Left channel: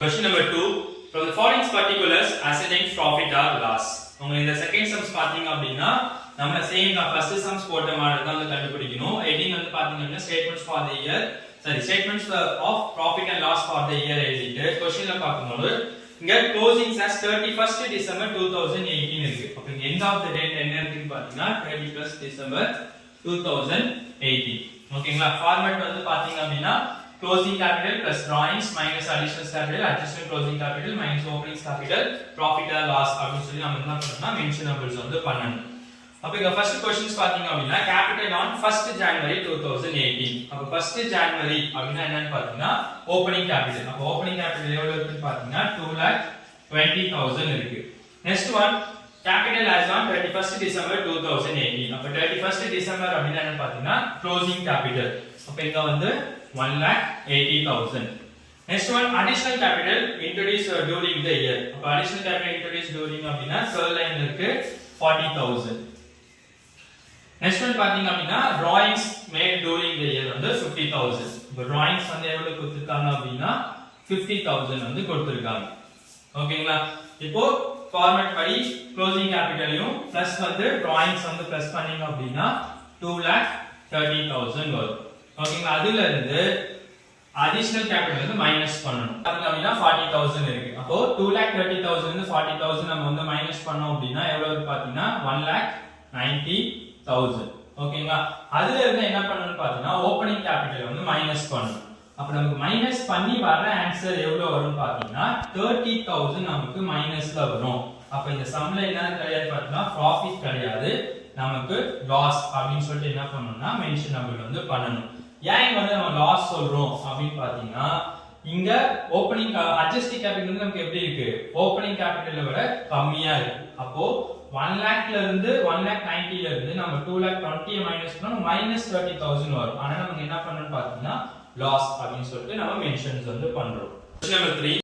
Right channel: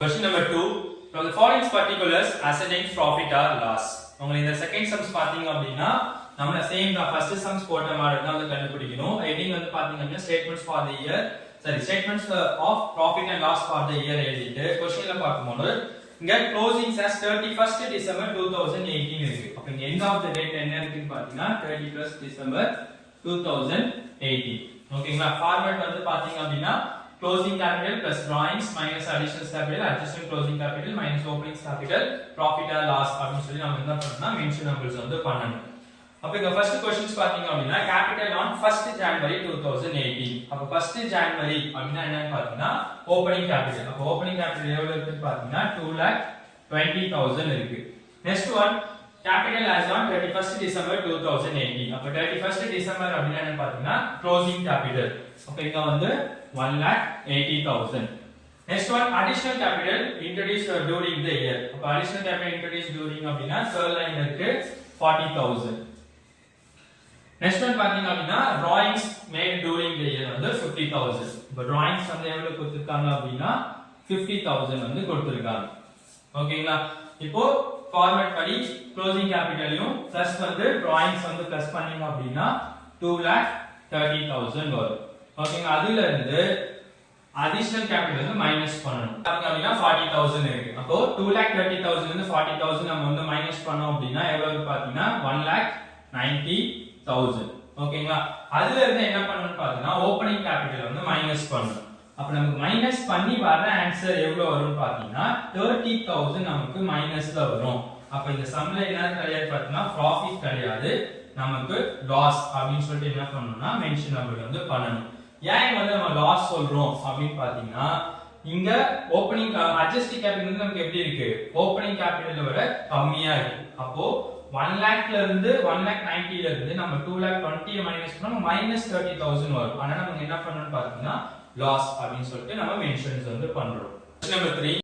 Question number 2. From the following particulars, ascertain profit or loss. உங்களுக்கு இந்த second sums பாத்தீங்க அப்படினா நம்ம சேம் தான் ஃபர்ஸ்ட் சம்ஸ் போட்ட மாதிரி தான் வந்து கண்டுபிடிக்கணும். ஹெட்டிங் வந்து பாத்தீங்கன்னா statements for the year statements of profit and loss for the year எழுதிட்டு क्वेश्चनல பாக்கும்போது இங்க க்ளோசிங்ஸ் as 31st December 2018 இருக்கு. அப்ப இங்க எண்ட் ஆஃப் தி டேட் என்ன இருக்குன்னு பாத்தீங்கன்னா 31st December 2018. ஓகேங்களா? ஃபார்மட் வந்து பாத்தீங்க அப்படினா closing capital plus drawings minus additional capital adjusted closing capital minus opening capital profit or loss அப்படி சொல்லி நாம என்ன பண்ணனும்னா மென்ஷன் நம்பர்ஸ் வந்து பண்ணனும். அப்ப இங்க ஃபர்ஸ்ட் क्वेश्चंस பாத்தீங்க அப்படினா capital on 1st January 2018. அப்ப 1st January அப்படினா என்னன்னு பாத்தீங்கன்னா opening capital. அப்ப opening capital எவ்வளவு இருக்குன்னு பாத்தீங்கன்னா 2,20,000 இருக்கு. Next one capital as on 31st December 2018. அப்ப 31st December அப்படினா என்ன பாத்தீங்கன்னா closing capital. அப்ப இங்க வந்து 1,80,000. Next one additional capital introduced during the year. அப்ப additional capital introduced during அப்படினா third line இருக்கு 40,000. Next one பாத்தீங்க அப்படினா drawings made during the year வந்து 50,000. இப்ப drawings வந்து எவ்வளவு கொடுத்திருக்காங்க அப்படினா 50,000 வந்து கொடுத்திருக்காங்க. ஓகேங்களா? இப்போ ஃபார்மட் படி க்ளோசிங் கேபிட்டலையும் பிளஸ் வந்து drawings வந்து பிளஸ் பண்ணீங்க அப்படினா 2,30,000 வரும். ஓகேங்களா? அதில இருந்து additional capital வந்து மைனஸ் பண்ணனும். அப்படினா 40,000 இருக்கு. அப்போ 2,30,000 இருந்து 40,000 நம்ம வந்து மைனஸ் பண்ணோம் அப்படினா எவ்வளவு பாத்தீங்கன்னா 1,90,000. ஓகேங்களா? அதில இருந்து என்ன பண்ணனும்னு பாத்தீங்கன்னா ஓபனிங் கேபிட்டல் வந்து மைனஸ் பண்ணனும். அப்ப நமக்கு மைனஸ் பண்ணி வர ஆன்சர் எவ்வளவு வரும்னு பாத்தீங்கன்னா 30,000 நமக்கு மைனஸ்ல வரும். அப்ப இந்த சம்ல என்ன கிடையாது பாத்தீங்கன்னா ப்ராஃபிட் கிடையாது, நமக்கு லாஸ் அப்படினு சொல்லிட்டு என்ன பண்ணனும்னா மென்ஷன் நம்பர் வந்து பண்ணனும். ஏன் வந்து நம்ம லாஸ் சொல்றோம் அப்படினு பாத்தீங்கன்னா இங்க ஓபனிங் அட்ஜஸ்டிங் கேபிட்டல் வந்து நமக்கு எப்படி இருக்கு, ஓபனிங் கேபிட்டலை விட கம்மியா இருக்கு. அப்போ 1 lakhல இருந்து 1,90,000 ல இருந்து நம்ம 2,20,000 மைனஸ் பண்ணோம் -30,000 வரும். அதனால நம்ம என்ன பண்ணனும்னு பாத்தீங்கன்னா லாஸ் அப்படினு சொல்லிட்டு நம்ம மென்ஷன்ஸ் வந்து பண்றோம். Question number 3